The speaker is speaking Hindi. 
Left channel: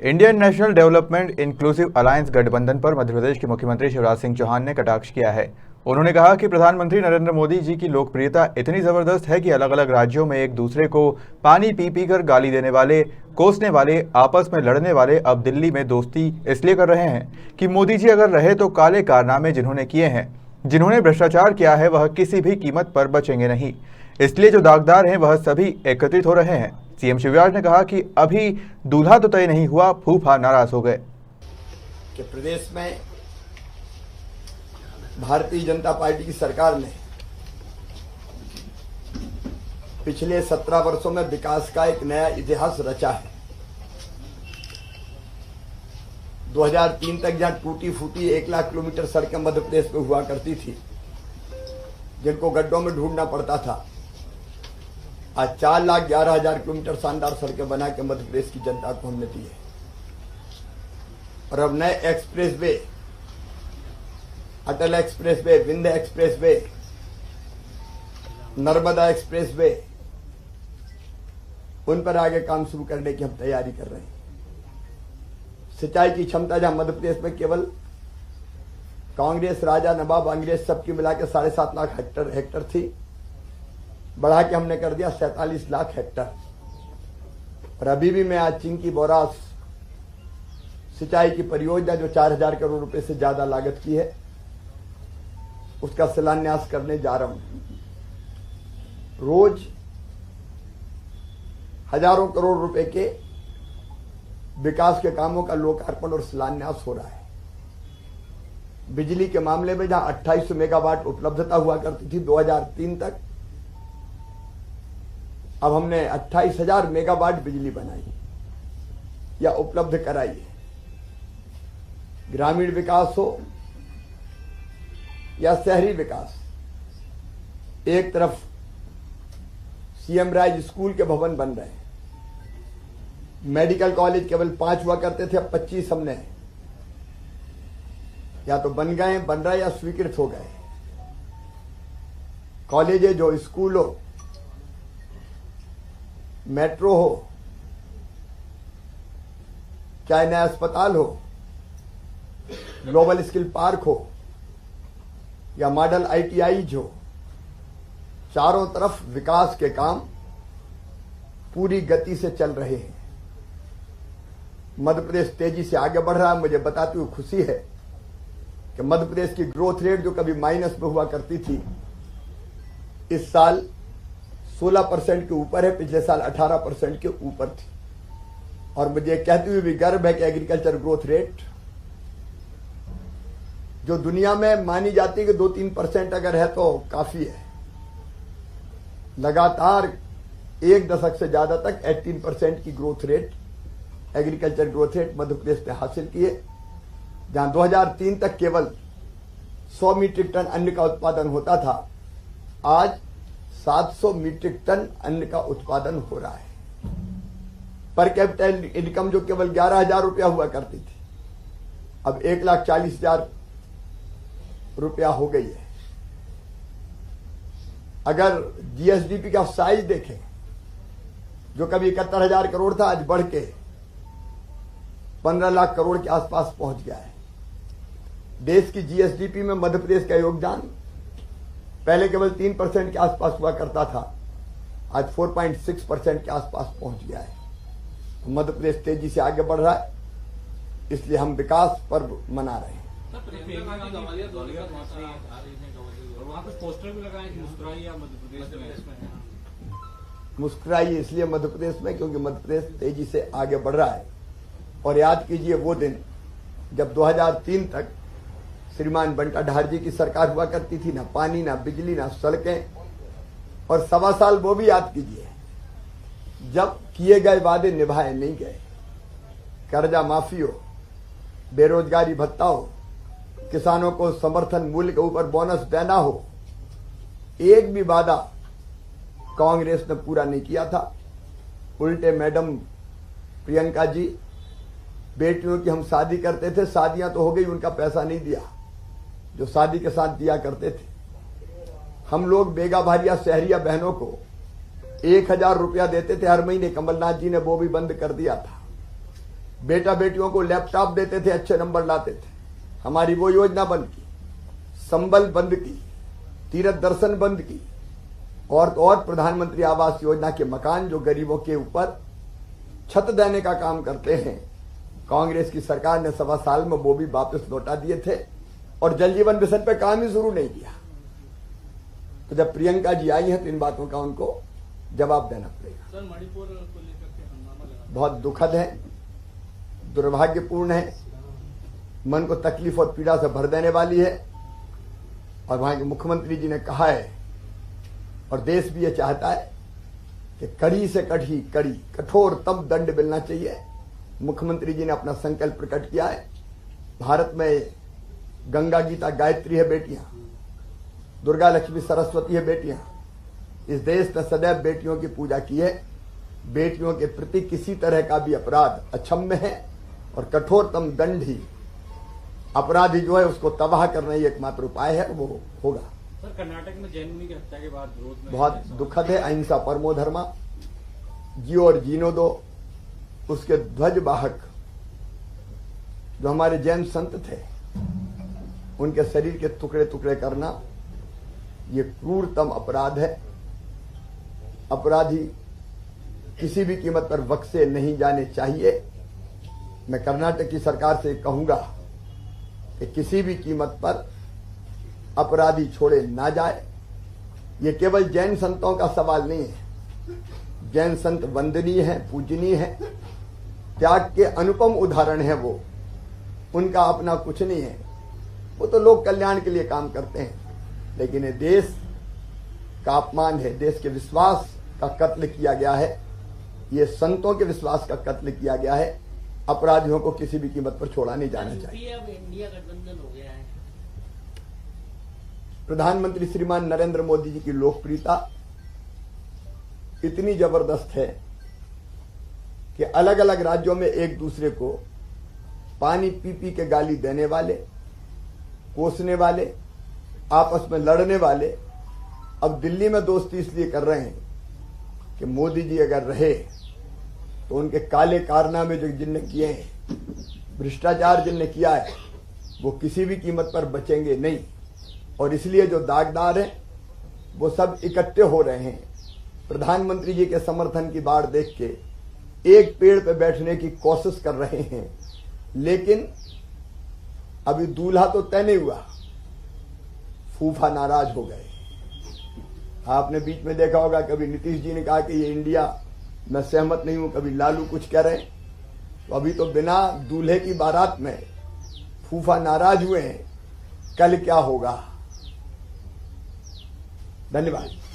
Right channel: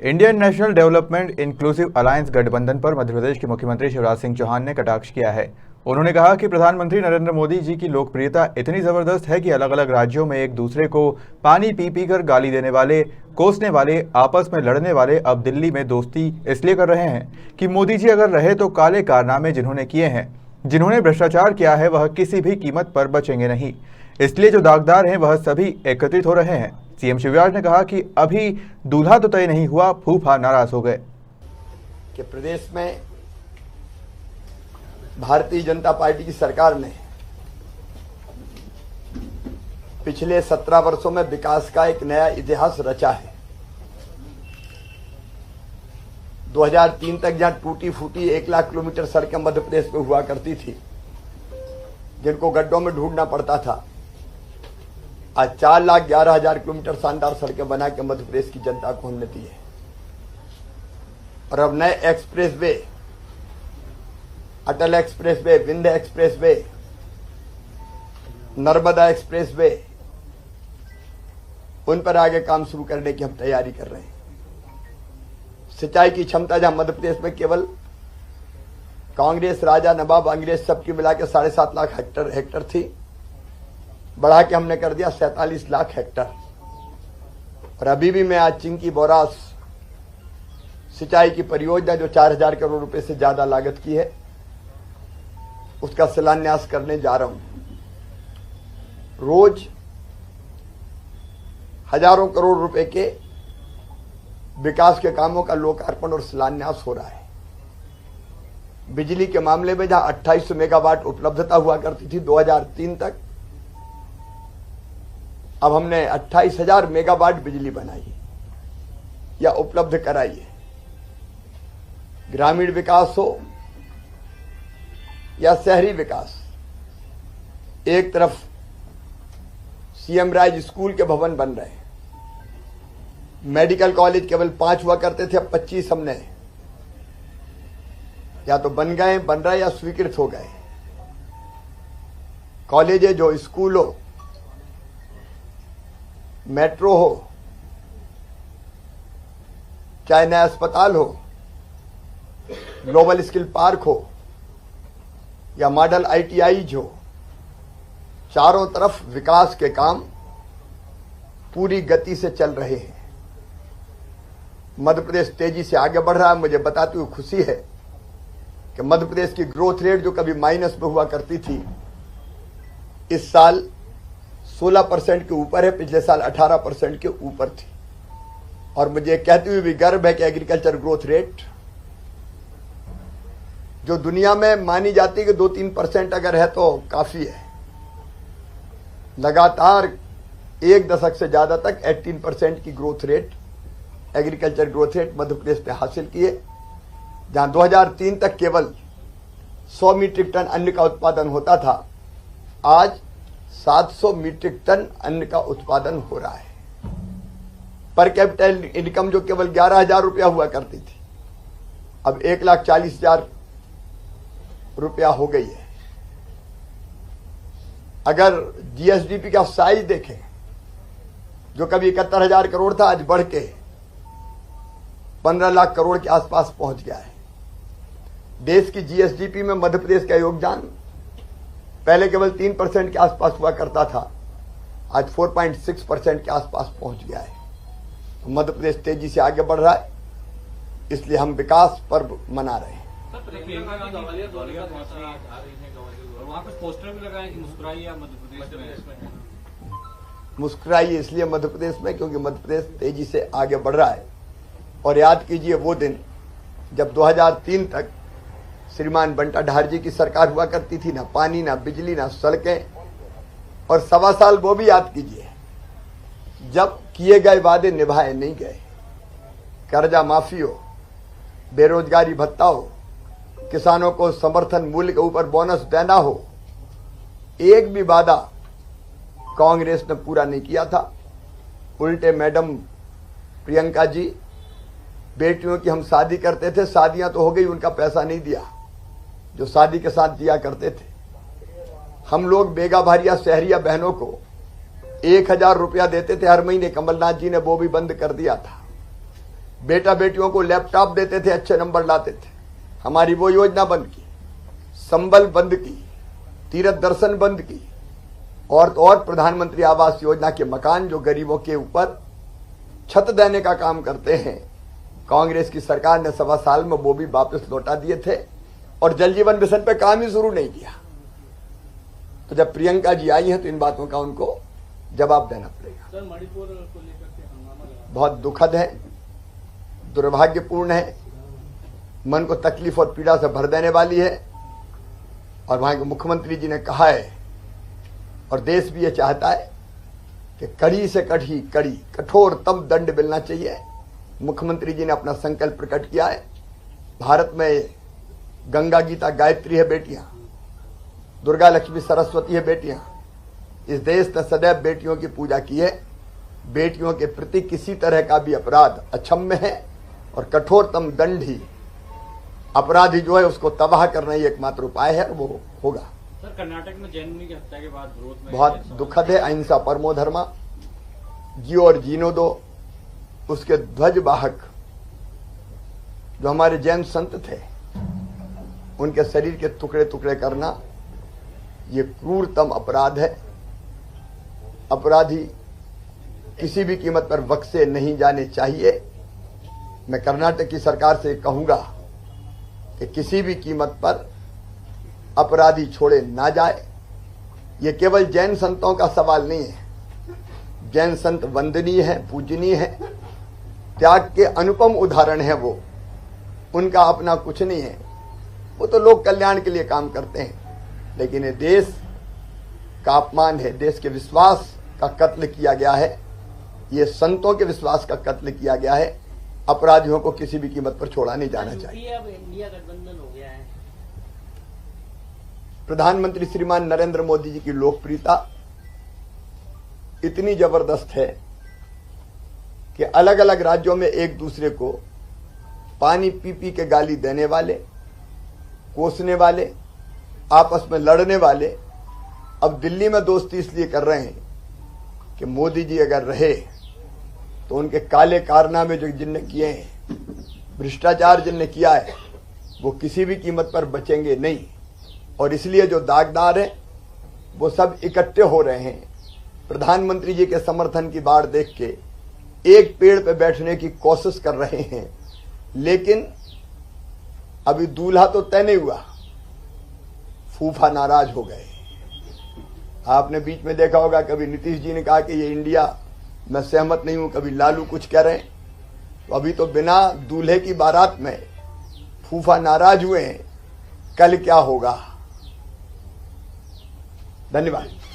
Indian national development inclusive alliance गठबंधन पर मध्य प्रदेश के मुख्यमंत्री शिवराज सिंह चौहान ने कटाक्ष किया है। उन्होंने कहा कि प्रधानमंत्री नरेंद्र मोदी जी की लोकप्रियता इतनी जबरदस्त है कि अलग अलग राज्यों में एक दूसरे को पानी पी पी कर गाली देने वाले, कोसने वाले, आपस में लड़ने वाले अब दिल्ली में दोस्ती इसलिए कर रहे हैं कि मोदी जी अगर रहे तो काले कारनामे जिन्होंने किए हैं, जिन्होंने भ्रष्टाचार किया है, वह किसी भी कीमत पर बचेंगे नहीं। इसलिए जो दागदार हैं वह सभी एकत्रित हो रहे हैं। सीएम शिवराज ने कहा कि अभी दूल्हा तो तय नहीं हुआ, फूफा नाराज हो गए कि प्रदेश में भारतीय जनता पार्टी की सरकार ने पिछले 17 वर्षों में विकास का एक नया इतिहास रचा है। 2003 तक जहां टूटी फूटी 1 लाख किलोमीटर सड़कें मध्य प्रदेश में हुआ करती थी, जिनको गड्ढों में ढूंढना पड़ता था, आज 4,11,000 किलोमीटर शानदार सड़कें बना के मध्य प्रदेश की जनता को हमने दी है। और अब नए expressway, Atal expressway, Vindhya expressway, Narmada expressway, उन पर आगे काम शुरू करने की हम तैयारी कर रहे हैं। सिंचाई की क्षमता जहां मध्य प्रदेश में केवल कांग्रेस, राजा, नवाब, अंग्रेज सबकी मिलाकर 7.5 लाख हेक्टर थी, बढ़ा के हमने कर दिया 47 लाख हेक्टर। और अभी भी मैं आज चिंकी बोरास सिंचाई की परियोजना जो 4,000 करोड़ रुपए से ज्यादा लागत की है, उसका शिलान्यास करने जा रहा हूं। रोज हजारों करोड़ रुपए के विकास के कामों का लोकार्पण और शिलान्यास हो रहा है। बिजली के मामले में जहां 2800 मेगावाट उपलब्धता हुआ करती थी 2003 तक, अब हमने 28,000 मेगावाट बिजली बनाई है या उपलब्ध कराई है। ग्रामीण विकास हो या शहरी विकास, एक तरफ सीएम राज स्कूल के भवन बन रहे हैं, मेडिकल कॉलेज केवल 5 हुआ करते थे, अब 25 हमने या तो बन गए, बन रहे या स्वीकृत हो गए। कॉलेज जो स्कूल हो, मेट्रो हो, चाहे नया अस्पताल हो, ग्लोबल स्किल पार्क हो या मॉडल ITI हो, चारों तरफ विकास के काम पूरी गति से चल रहे हैं। मध्य प्रदेश तेजी से आगे बढ़ रहा है। मुझे बताते हुए खुशी है कि मध्य प्रदेश की ग्रोथ रेट जो कभी माइनस में हुआ करती थी, इस साल 16% के ऊपर है, पिछले साल 18% के ऊपर थी। और मुझे कहते हुए भी गर्व है कि एग्रीकल्चर ग्रोथ रेट जो दुनिया में मानी जाती है कि 2-3% अगर है तो काफी है, लगातार 1 दशक से ज्यादा तक 18% की growth rate, agriculture growth rate Madhya Pradesh पे हासिल किए। जहां 2003 तक केवल 100 मीट्रिक टन अन्न का उत्पादन होता था, आज 700 मीट्रिक टन अन्न का उत्पादन हो रहा है। पर कैपिटल इनकम जो केवल 11,000 रुपया हुआ करती थी, अब 1,40,000 रुपया हो गई है। अगर GSDP का साइज देखें, जो कभी 71,000 करोड़ था, आज बढ़ के 15 लाख करोड़ के आसपास पहुंच गया है। देश की GSDP में मध्य प्रदेश का योगदान पहले केवल 3% के आसपास हुआ करता था, आज 4.6% के आसपास पहुंच गया है। तो मध्य प्रदेश तेजी से आगे बढ़ रहा है, इसलिए हम विकास पर्व मना रहे हैं। मुस्कुराइए इसलिए मध्य प्रदेश में क्योंकि मध्य प्रदेश तेजी से आगे बढ़ रहा है। और याद कीजिए वो दिन जब 2003 तक श्रीमान बंटा ढार जी की सरकार हुआ करती थी, ना पानी, ना बिजली, ना सड़कें। और 1.25 साल वो भी याद कीजिए जब किए गए वादे निभाए नहीं गए। कर्जा माफी हो, बेरोजगारी भत्ता हो, किसानों को समर्थन मूल्य के ऊपर बोनस देना हो, एक भी वादा कांग्रेस ने पूरा नहीं किया था। उल्टे मैडम प्रियंका जी, बेटियों की हम शादी करते थे, शादियां तो हो गई, उनका पैसा नहीं दिया जो शादी के साथ दिया करते थे। हम लोग बेगा भारिया शहरिया बहनों को 1,000 रुपया देते थे हर महीने, कमलनाथ जी ने वो भी बंद कर दिया था। बेटा बेटियों को लैपटॉप देते थे, अच्छे नंबर लाते थे, हमारी वो योजना बंद की। संबल बंद की, तीर्थ दर्शन बंद की, और तो और प्रधानमंत्री आवास योजना के मकान जो गरीबों के ऊपर छत देने का काम करते हैं, कांग्रेस की सरकार ने 1.25 साल में वो भी वापस लौटा दिए थे, और जल जीवन मिशन पे काम ही शुरू नहीं किया। तो जब प्रियंका जी आई हैं तो इन बातों का उनको जवाब देना पड़ेगा। सर, मणिपुर को लेकर के हंगामा लगा, बहुत दुखद है, दुर्भाग्यपूर्ण है, मन को तकलीफ और पीड़ा से भर देने वाली है। और वहां के मुख्यमंत्री जी ने कहा है, और देश भी ये चाहता है कि कड़ी से कड़ी कठोरतम दंड मिलना चाहिए। मुख्यमंत्री जी ने अपना संकल्प प्रकट किया है। भारत में गंगा गीता गायत्री है बेटियां, दुर्गा लक्ष्मी सरस्वती है बेटियां। इस देश ने सदैव बेटियों की पूजा की है। बेटियों के प्रति किसी तरह का भी अपराध अक्षम्य है, और कठोरतम दंड ही अपराधी जो है उसको तबाह करना ही एकमात्र उपाय है, वो होगा। सर, कर्नाटक में जैन मुनि की हत्या के बाद विरोध में बहुत दुखद है। अहिंसा परमो धर्मा, जियो और जीनो दो। उसके ध्वजवाहक जो हमारे जैन संत थे, उनके शरीर के टुकड़े टुकड़े करना ये क्रूरतम अपराध है। अपराधी किसी भी कीमत पर बख्शे नहीं जाने चाहिए। मैं कर्नाटक की सरकार से कहूंगा कि किसी भी कीमत पर अपराधी छोड़े ना जाए। ये केवल जैन संतों का सवाल नहीं है। जैन संत वंदनीय है, पूजनीय है, त्याग के अनुपम उदाहरण है। वो उनका अपना कुछ नहीं है, वो तो लोक कल्याण के लिए काम करते हैं। लेकिन ये देश का अपमान है, देश के विश्वास का कत्ल किया गया है, ये संतों के विश्वास का कत्ल किया गया है। अपराधियों को किसी भी कीमत पर छोड़ा नहीं जाना चाहिए। अब इंडिया गठबंधन हो गया है। प्रधानमंत्री श्रीमान नरेंद्र मोदी जी की लोकप्रियता इतनी जबरदस्त है कि अलग अलग राज्यों में एक दूसरे को पानी पी पी के गाली देने वाले, कोसने वाले, आपस में लड़ने वाले अब दिल्ली में दोस्ती इसलिए कर रहे हैं कि मोदी जी अगर रहे तो उनके काले कारनामे जो जिनने किए हैं, भ्रष्टाचार जिनने किया है, वो किसी भी कीमत पर बचेंगे नहीं। और इसलिए जो दागदार हैं वो सब इकट्ठे हो रहे हैं। प्रधानमंत्री जी के समर्थन की बाढ़ देख के एक पेड़ पे बैठने की कोशिश कर रहे हैं, लेकिन अभी दूल्हा तो तय नहीं हुआ, फूफा नाराज हो गए। आपने बीच में देखा होगा, कभी नीतीश जी ने कहा कि ये इंडिया मैं सहमत नहीं हूं, कभी लालू कुछ कह रहे हैं। तो अभी तो बिना दूल्हे की बारात में फूफा नाराज हुए हैं, कल क्या होगा। धन्यवाद।